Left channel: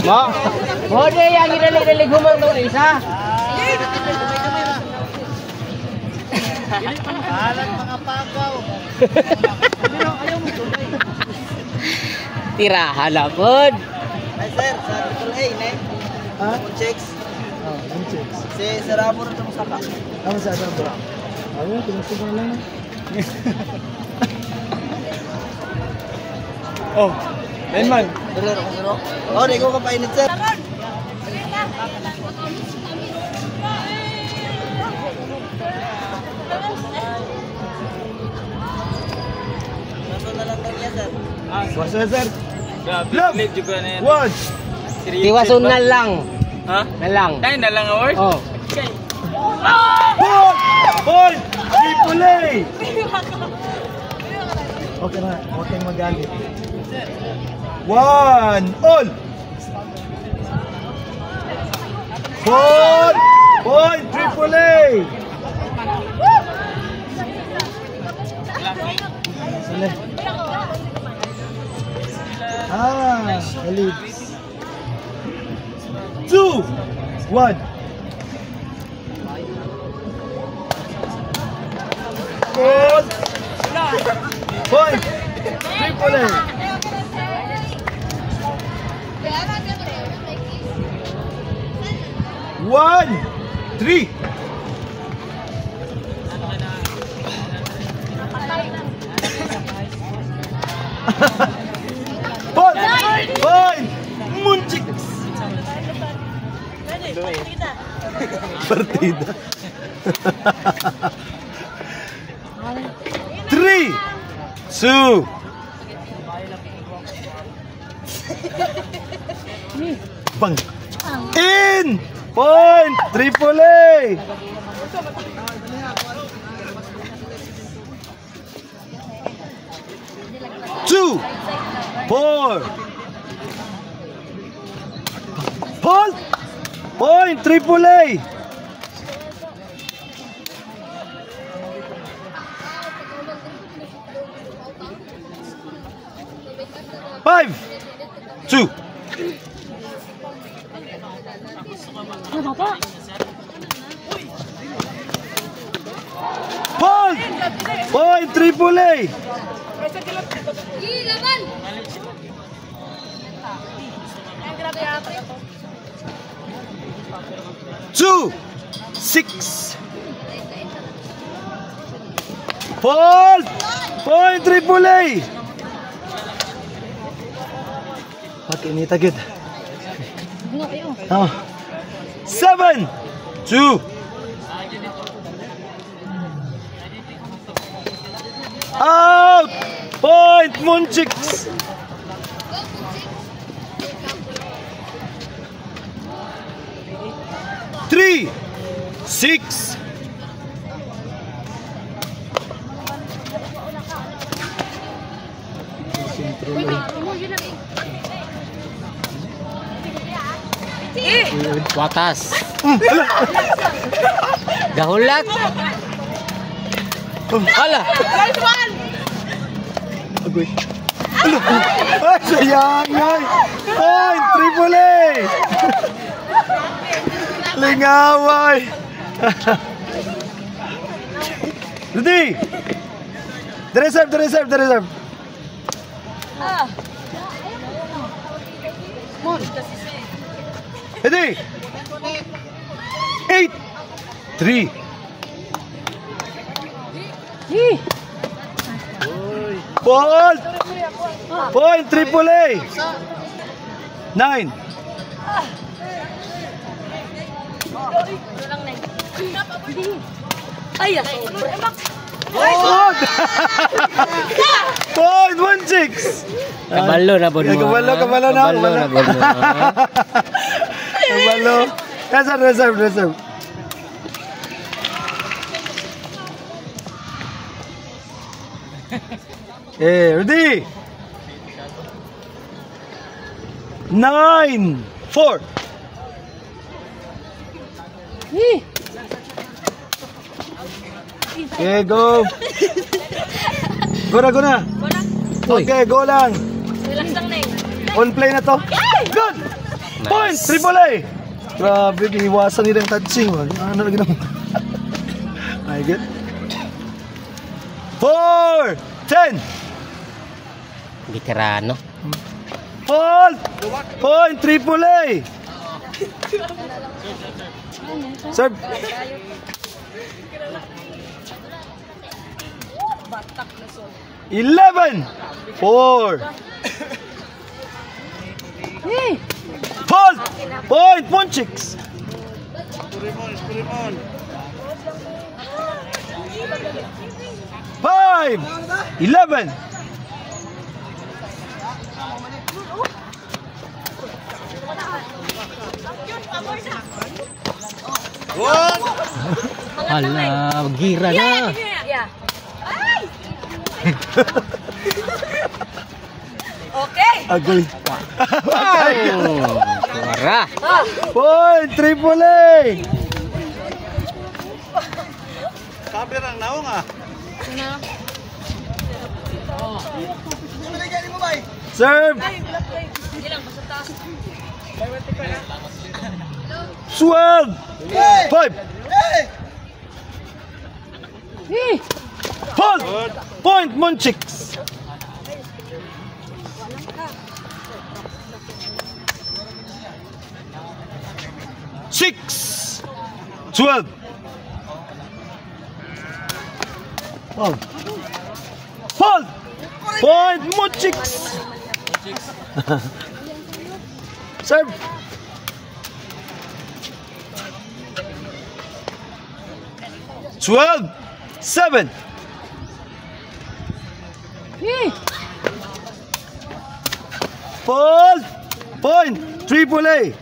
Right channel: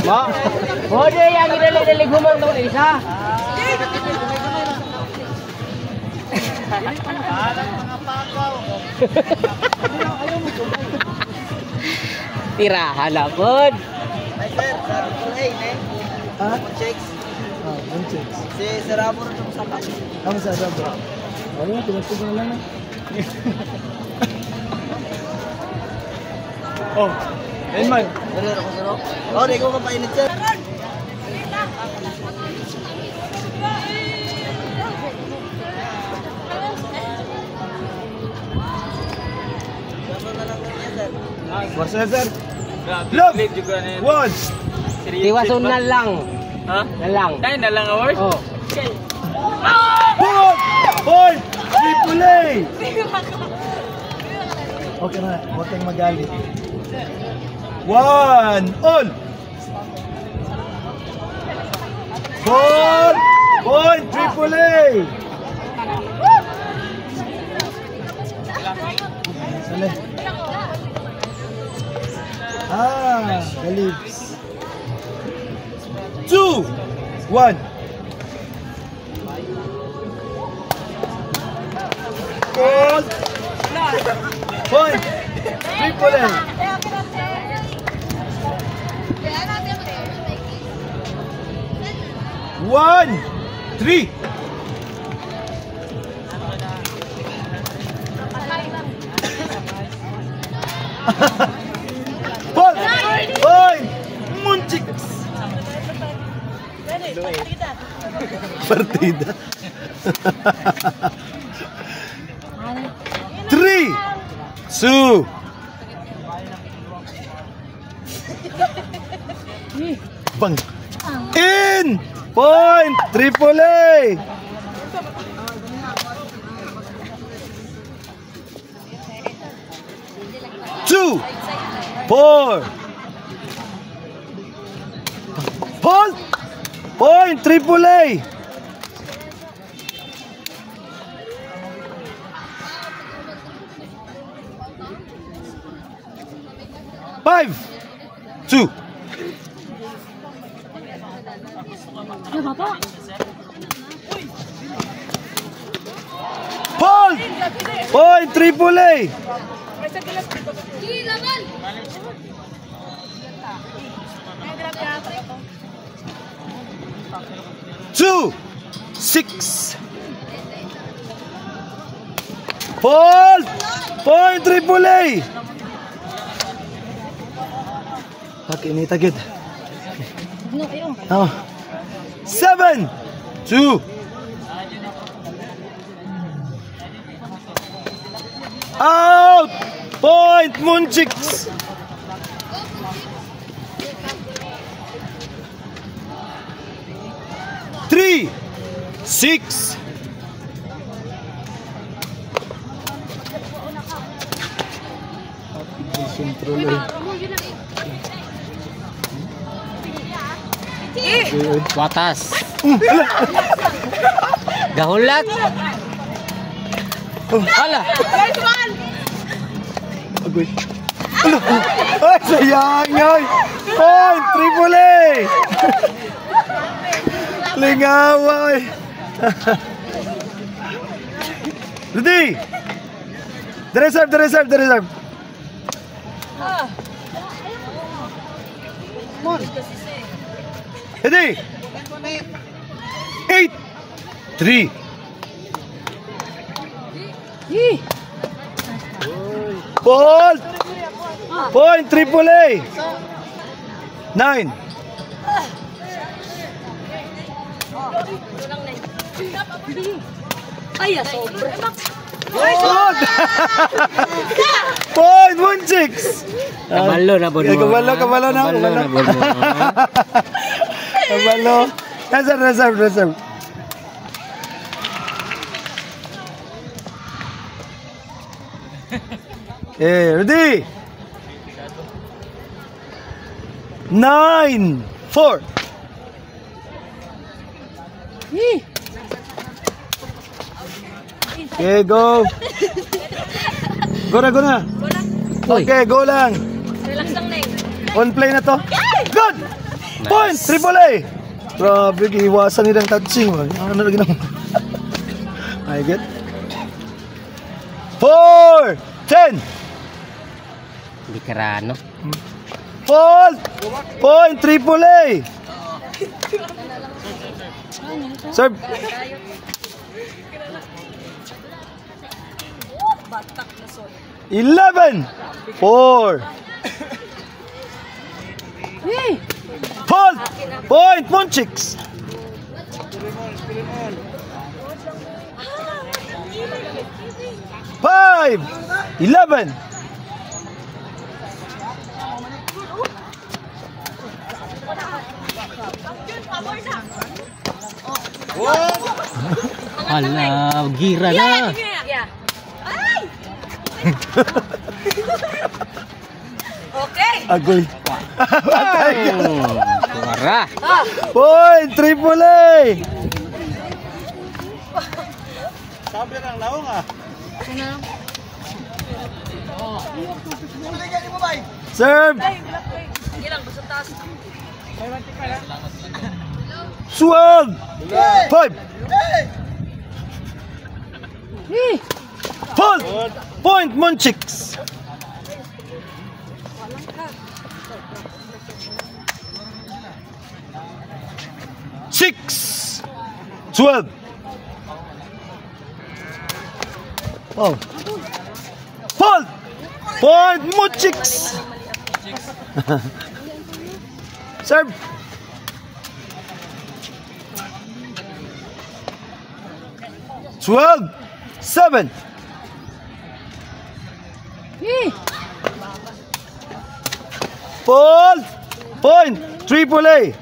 Mo? Mo na yang idali-dali gumang daw isa. Alang mga pagaw. Tirahan na po. Ay sir, sabi ne. Ha? Checks. Ah, one checks. Si Saramo rin sa saka. Kamu sa ba? Ayun, pinasok ko na lang. Oh, Raymond. Dalo ko sir. Oh, di ko kapainit sir. Masaya sir. Look! One! Tiwason na lang. Ha? Na lang. Ay, na lang award? Oh. Boy! Boy! Triple A! Okay na, huwag kang magalit. One! All! Four! Boy! Triple A! Sila. Ah, galit. 2, 1. Goal. Point. Triple A. One, 3. Point. Munchiks. Partida. 3, 2. Bang. In. Point. Triple A. Two. 4. Point. Point. Triple A. Five. 2. Point. Point. Triple A. 2, 6. Point. Point. Triple A. Okay, ini tagid. Oh. 7, 2. Out. Point. Munchiks. 3, 6. Watas. Gahulat. Hala. Agoy. Ay, sayang yoy. Point. Triple A. Lingaway. Ready? The reserve, the reserve, the reserve. Ready? 8, 3. Ball. Point. Triple A. 9. Ay, sobra. Good. Point. Munchiks. Kabalo na bon mo. Kabalo, kabalo na. Kabalo na bon mo. Kabalo. Reserve, reserve, reserve. Okay, ready? 9, 4. Okay, go. Go na, go na. Okay, go lang. On play na to. Good! Point! Triple A! Grabe, iwasan nilang touching. Ano lagi nang... I get. 4! 10! Hindi karano. Fault! Point! Triple A! Serve! $11! 4! Fault! Point! Munchiks! $5! 11! Hala, gira na. Okay. Agoy. Suara. Point! Triple A! Serve! 12! 5! Fault! Point! Munchiks! Six! 12! Oh! Fault! Point! Munchiks! Serve! $12! 7! Fault! Point! Triple A!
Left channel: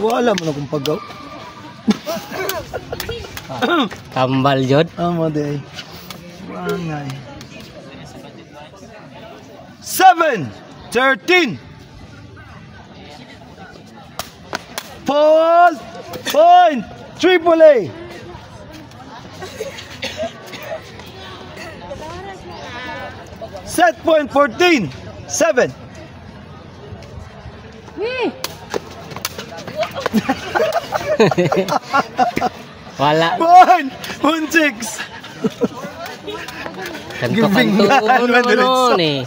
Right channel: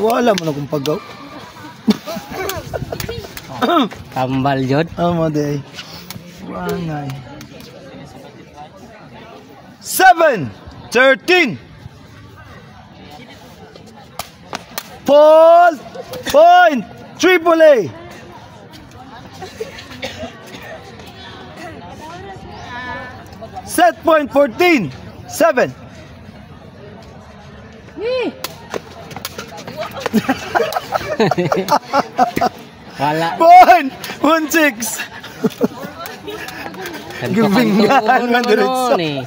Wala mo na kung pagaw. Tambal yun. Amo day. Wangay. 7! 13! Fault! Point! Triple A! Set point 14! 7! Wala. Point! 1-6! Kanto-kanto naman eh.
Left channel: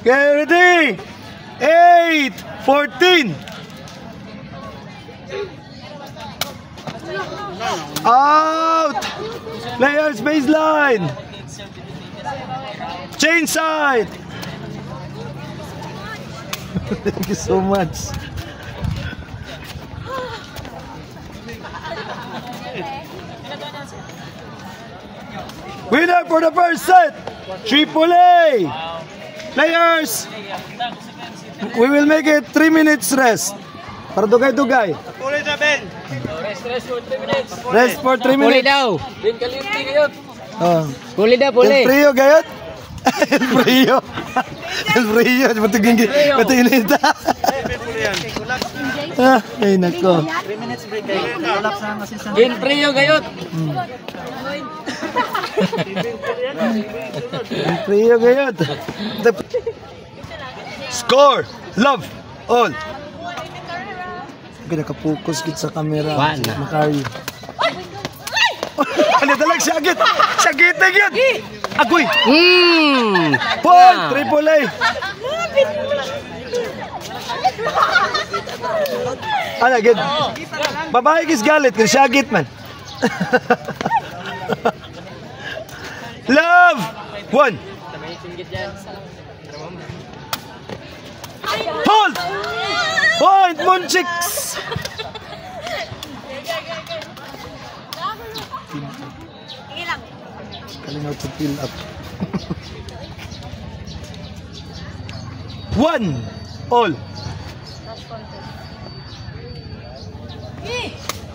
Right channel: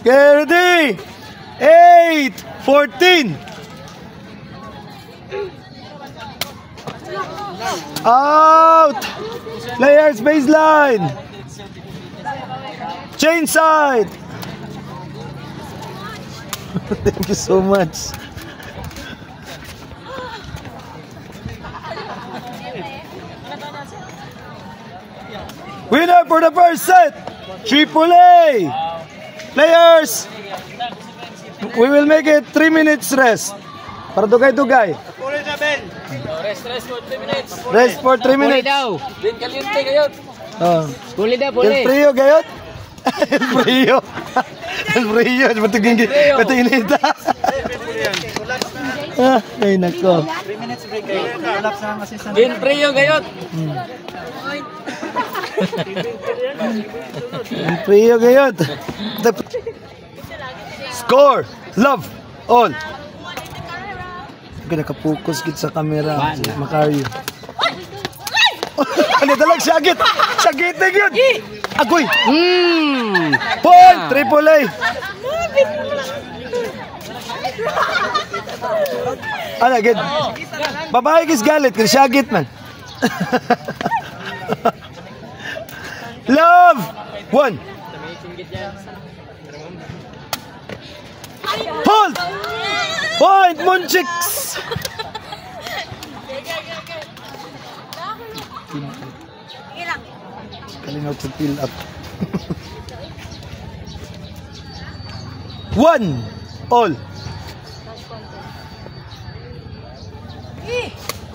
Okay, ready? 8! 14! Out! Players baseline! Change side! Thank you so much. Winner for the first set! Triple A! Players! We will make it 3 minutes rest. Para dugay-dugay. Rest for 3 Puli minutes. daw. Oh. Puli daw, El puli. frío, gayot? El frío. El frío. Ba't inita? Ah, ay nako. 3 minutes break kayo. Collapse na ang assistant. Din priyo gayot. El frío, gayot. Score. Love. All. Nakapokus gid sa camera. Wala. Macario. Ano talag syagit? Syagit na yun! Agoy! Point! Triple A! Ano, agad? Babae kis galit, kis syagit man. Love! 1! Hold! Point! Munchiks! Kalingaw to fill up. 1 all.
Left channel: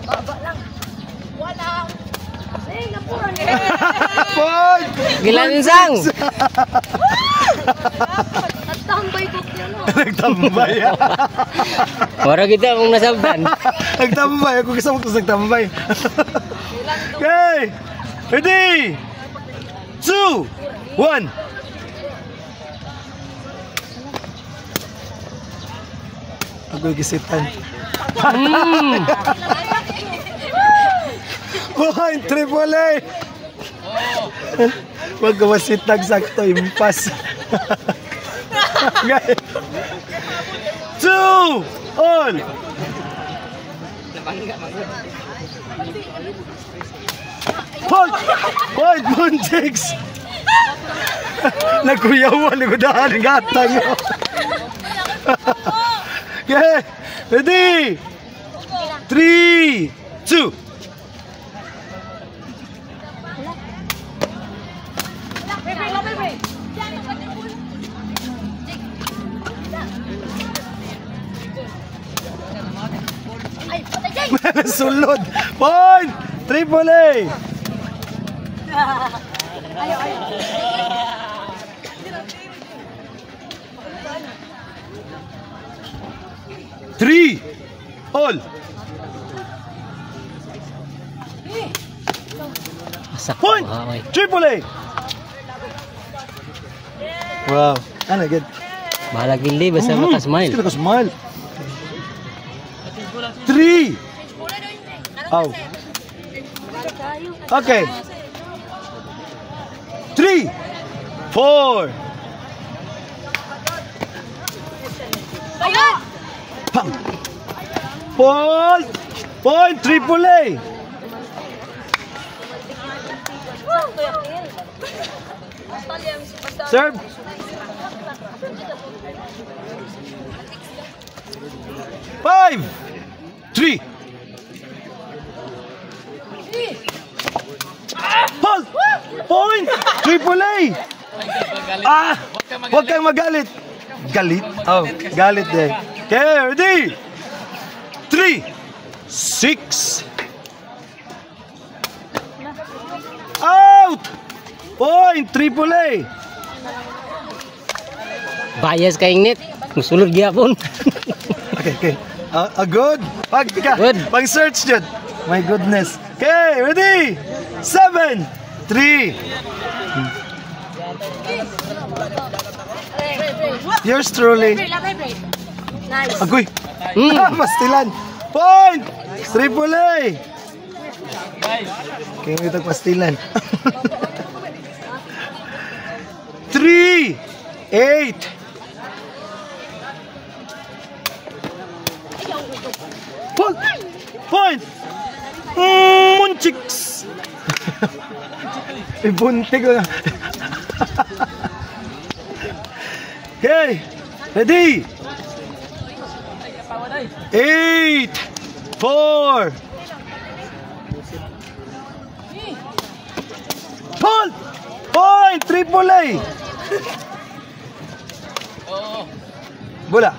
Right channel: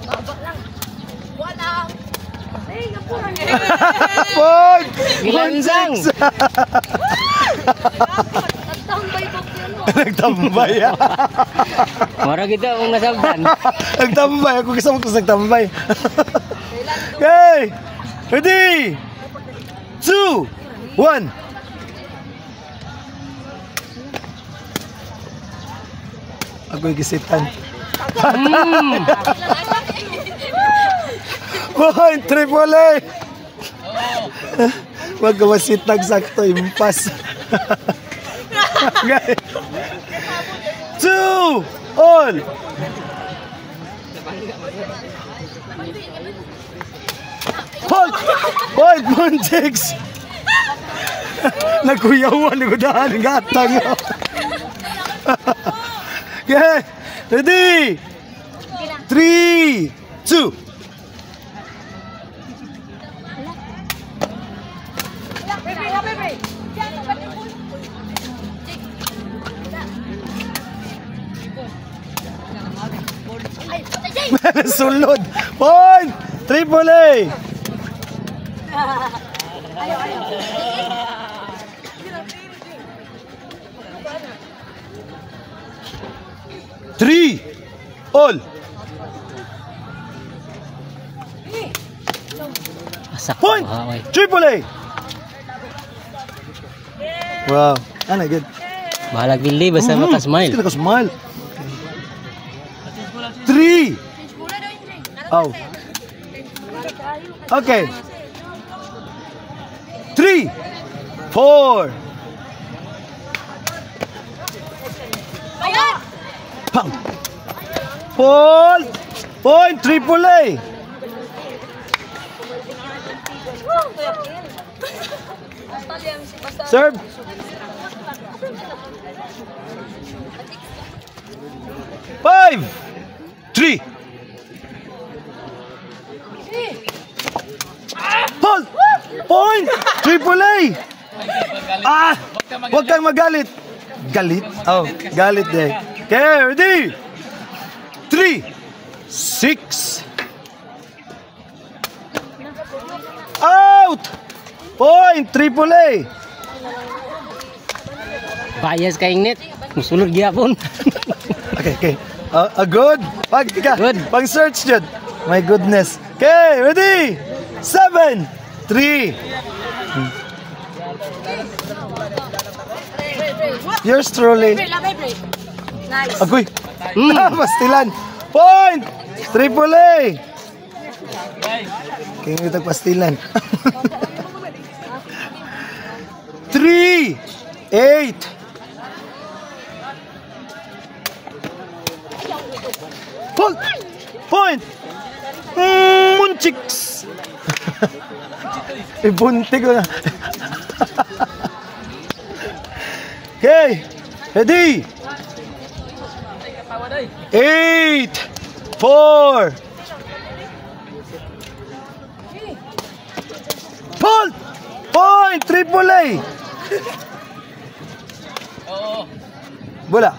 Baba lang. Wala. Ay, napuran. Point! Gilansang. Nagtambay ko po. Nagtambay. Mora kita kung nasabdan. Nagtambay. Ako kasama ko sa nagtambay. Okay! Ready! 2! 1! Agoy gisitan. Point, triple A. Wag gawasitag sakto, impas. Okay. 2 all. Point, Montex. Nagkuyawan, ligudahan, gatang. Okay, ready? 3, 2. Sulod. Point, triple A. Three all. Point, triple A. Wow, ano good. Bahala gili basta maka-smile. Sila ko smile. 3. Oh. Okay. 3, 4. Pang. Point, triple A. Serve. Five, 3. Hold. Point, triple A. Ah, huwag kang magalit. Galit? Oh, galit eh. Okay, ready? 3, 6. Out! Point, triple A. Bias kay Ingnet. Musulod gyapon. Okay. Good. Good. Pang search dyan. My goodness. Okay, ready? 7, 3. Yours truly. Nice. Agoy. Pastilan. Point. Triple A. Kaya nga itag pastilan. 3, 8. Point. Munchiks. Ibunti ko na. Okay. Ready? 8, 4. Point, triple A. Bola.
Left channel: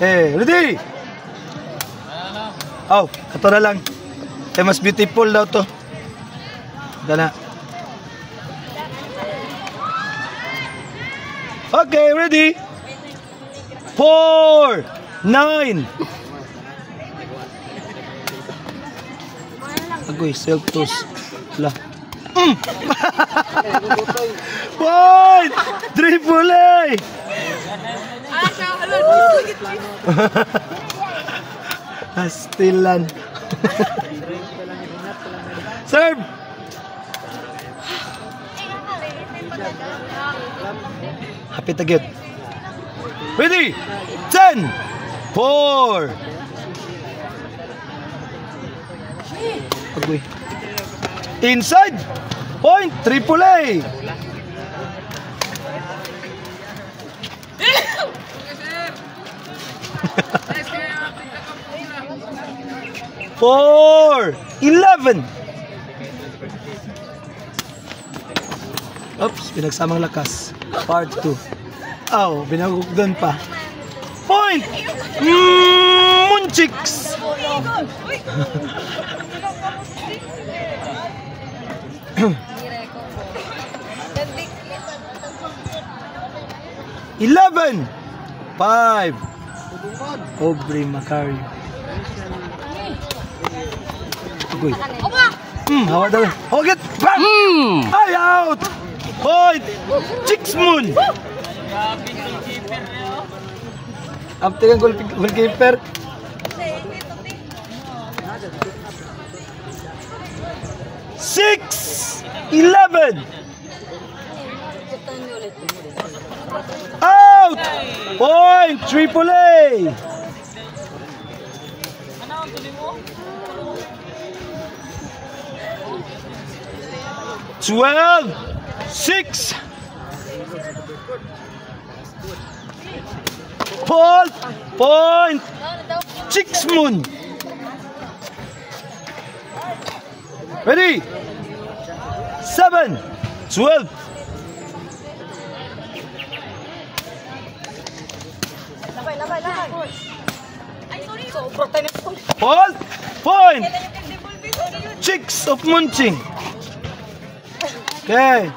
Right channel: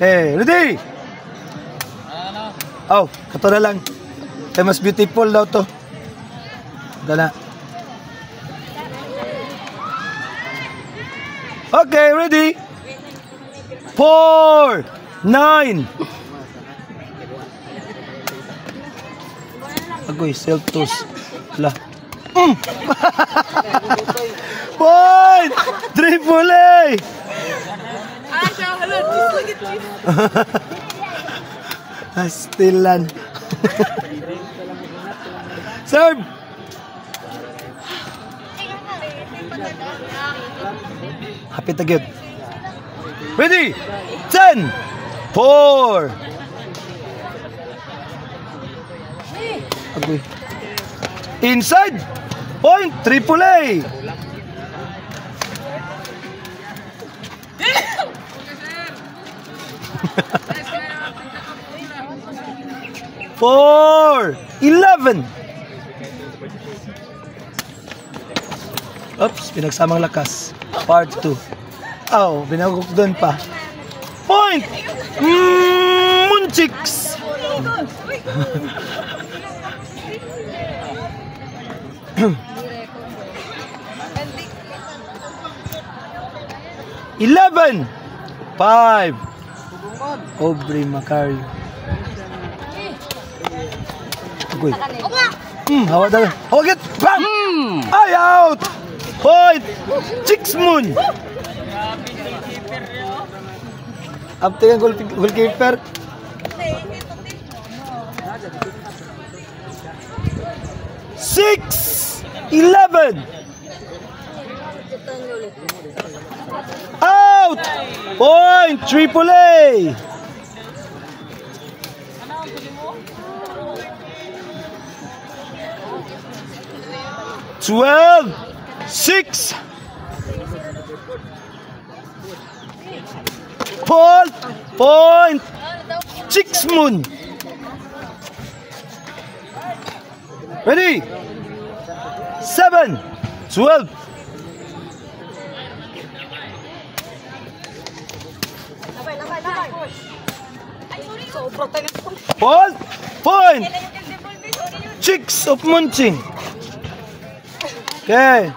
Hey, ready? Oh, ito na lang. Kaya mas beautiful daw to. Ito na. Okay, ready? 4, 9. Agoy, self-toast. Lah. Point! Triple A! Pastilan. Serve! Happy to get. Ready? 10, 4. Agoy. Inside. Point, triple A. Four, 11. Oops, pinagsamang lakas. Part 2. Oh, binagok doon pa. Point! Munchiks! $11, 5. Aubrey Macario. Uy. Hawa daw. Hawagit! Bam! Ay, out! Point! Chixmoon! After yung goalkeeper. 6-11. Out! Point! Triple A! Twelve, 6. Point! Chixmoon! Ready? 7, 12. Point! Chicks of Munching. Okay.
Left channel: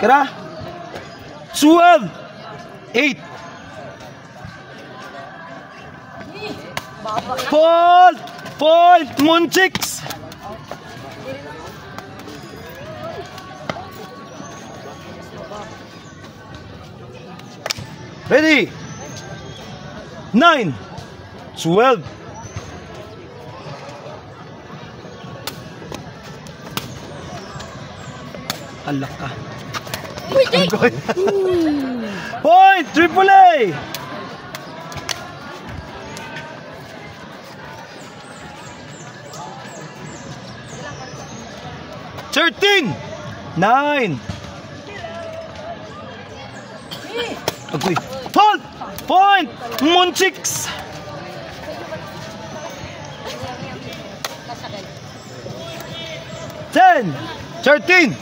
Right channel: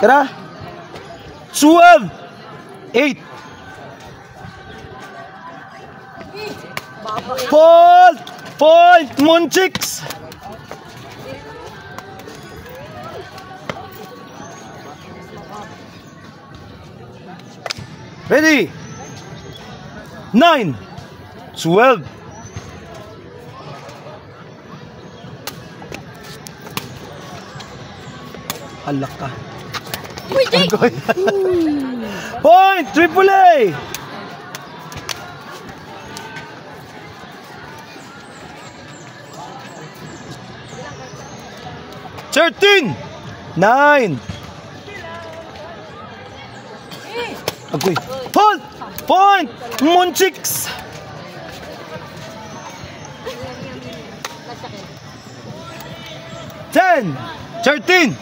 Kira? 12, 8. Point, Munchicks. Ready? 9, 12. Alak ka. Point! Triple A! Thirteen! 9. Agoy. Point! Munchicks! Ten! 13!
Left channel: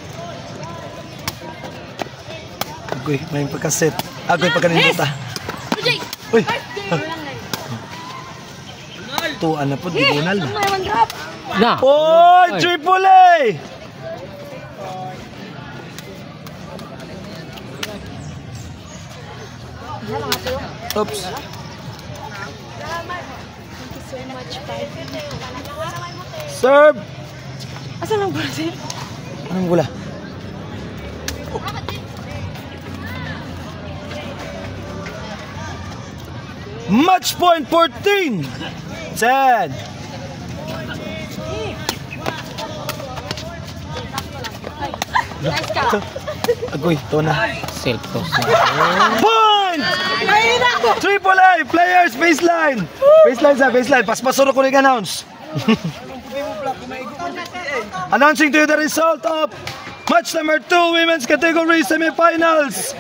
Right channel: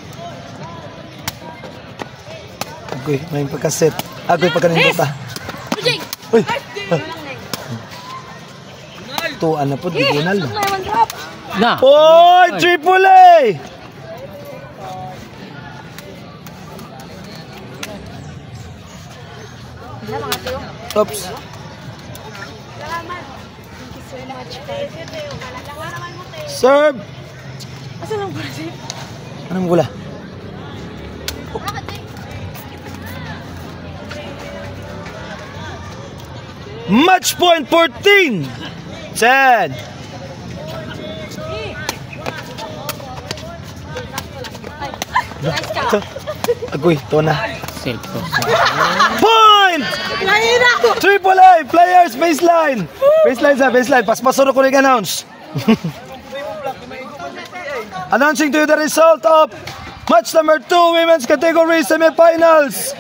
Agoy, may pagkaset. Agoy, pagkaninduta. Uy! Tuan na po, di gunal. Point! Triple A! Oops. Serve. Anong gula? Match point 14. 10. Agoy, ito na. Point! Triple A, players, baseline. Baseline. Paspasuro ko rin announce. Announcing to you the result of match number 2, women's category semifinals.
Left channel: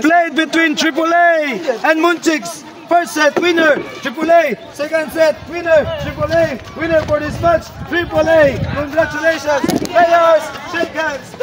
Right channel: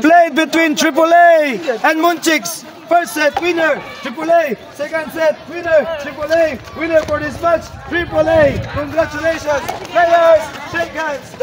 Played between Triple A and Munchicks. First set, winner, Triple A. Second set, winner, Triple A. Winner for this match, Triple A. Congratulations, players. Shake hands.